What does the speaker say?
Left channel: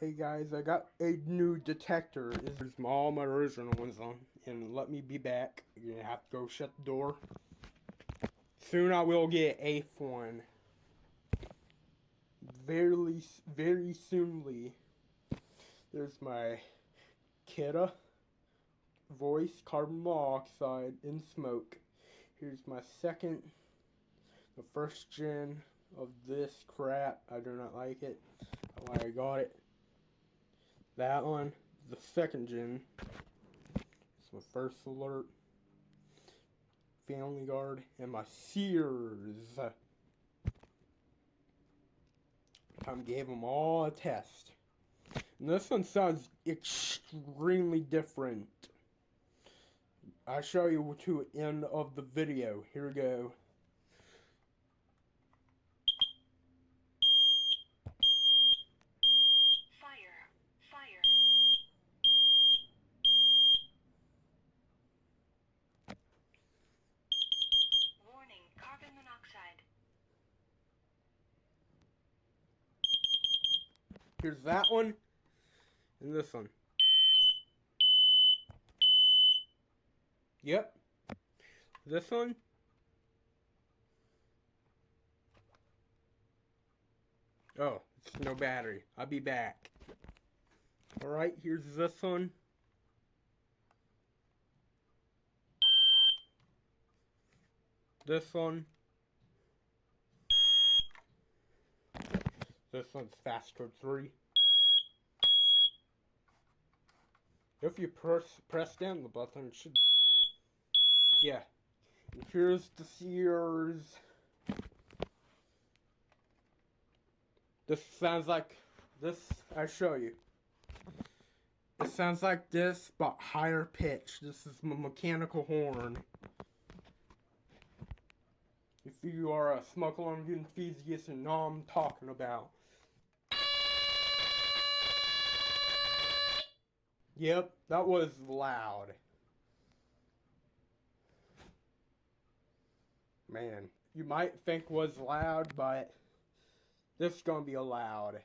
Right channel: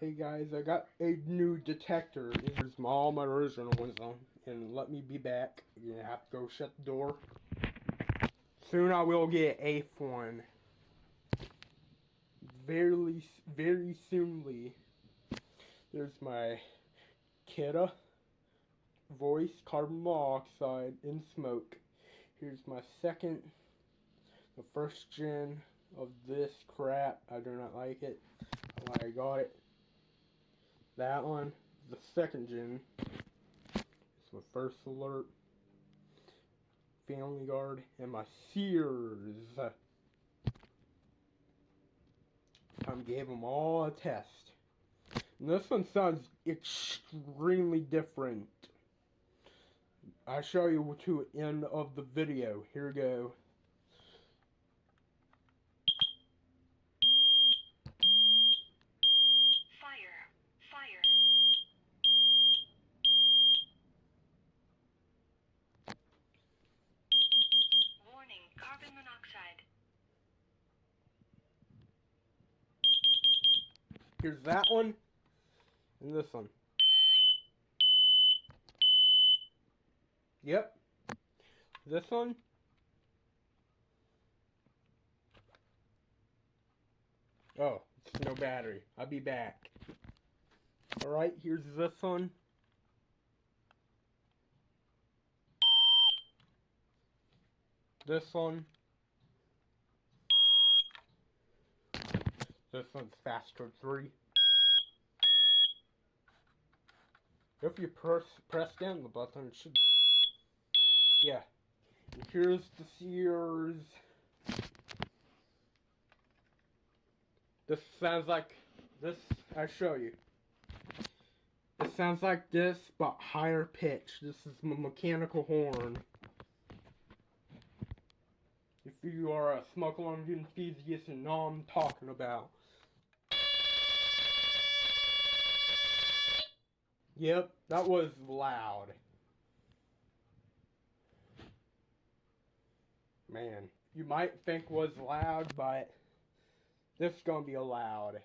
Hey guys, I got a new detector. There's all my original ones on. And let me be back. You're gonna have to go shut the door. Soon I will get an eighth one. Very soonly. There's my Kidda voice, carbon monoxide, and smoke. Here's my second, the first gen of this crap. I do not like it. That's why I got it. That one, the second gen. It's my first alert. Family Guard, and my Sears. I gave them all a test. And this one sounds extremely different. I'll show you to the end of the video. Here we go. Fire. Warning, carbon monoxide. Here's that one. And this one. Yep. This one. Oh, it's no battery. I'll be back. Alright, here's this one. This one. This one's fast code 3. If you press down the button, it should... Yeah. And here's the Sears. This sounds like this. I'll show you. It sounds like this, but higher pitch. This is my mechanical horn. If you are a smoke alarm enthusiast and know what I'm talking about. Yep, that was loud. Man, you might think was loud, but this is gonna be loud.